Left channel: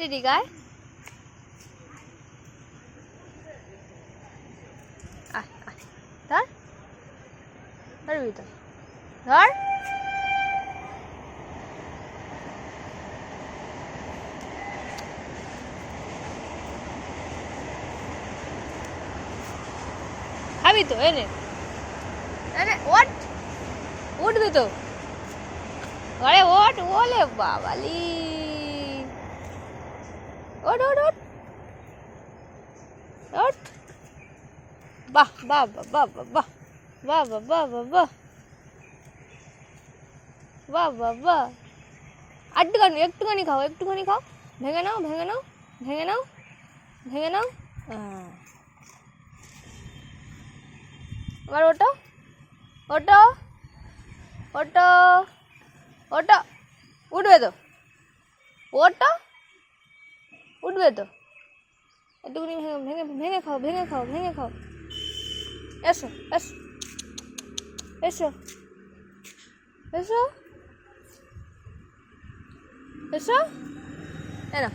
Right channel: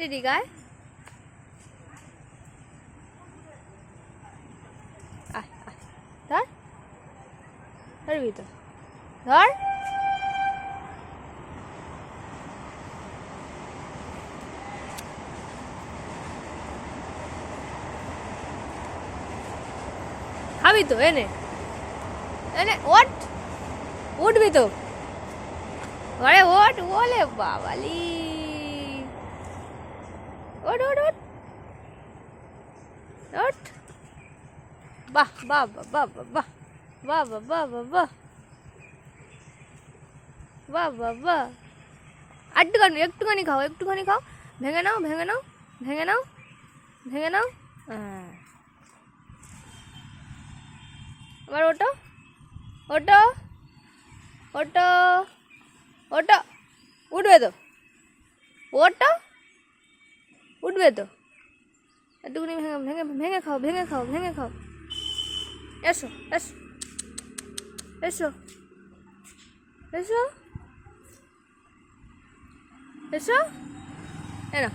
ready গায় ধর ধরবি তো ধর খাবি তো এনে এনে ওঠ উঠবি তো ঘরে ওঠ ওলে বাবালি ওঠ ওঠ ওঠ ওঠ বাহ বাহ বাহ বাহ বাহ বাহ বাহ বাহ বাহ বাহ বাহ বাহ বাহ একটুখানি খাও ভেঙে নাও ভেঙে নাও ভেঙে নাও ভেঙে নাও আবার ওটো ওটো ওটো ওটো উঠবে তো ওটো উঠবে তো একটুখানি ভেঙে ভেঙে খাও ভেঙে খাও ভেঙে খাও এসো এসো এসো এসো এসো এনো